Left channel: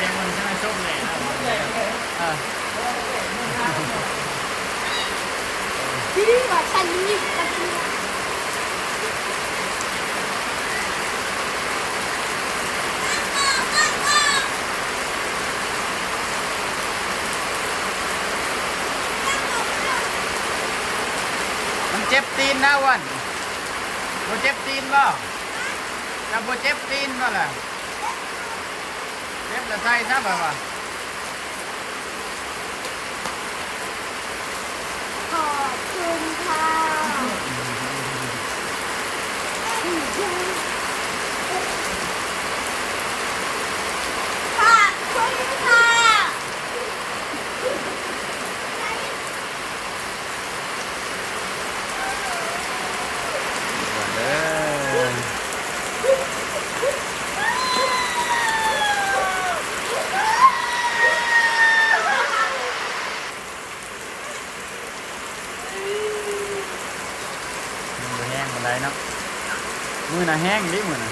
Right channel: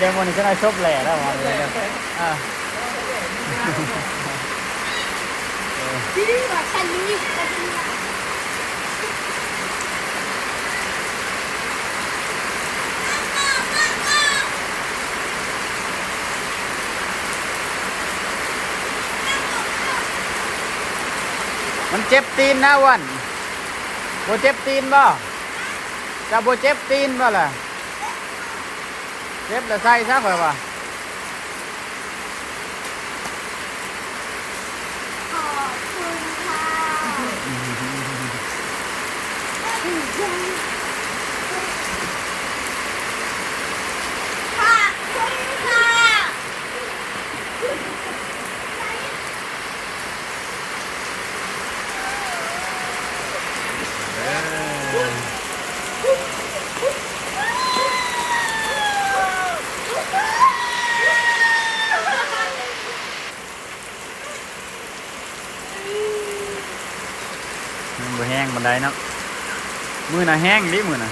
ได้หมดนี่จะได้ชบแหล่แล้วเลยอ่ะ ที่นี่ว่าฉันนี่กันที่ มันเจ็บตีนนะวันโบเจ็บตีนบ่จะโบเจ็บตีนบ่ล่ะเจ็บแล้วใส่ซะแบบว่า ค่ะคุณค่ะ เด้อมันบ่แห้งบันไดเนาะมือน่ะแห้งดิมือน่ะ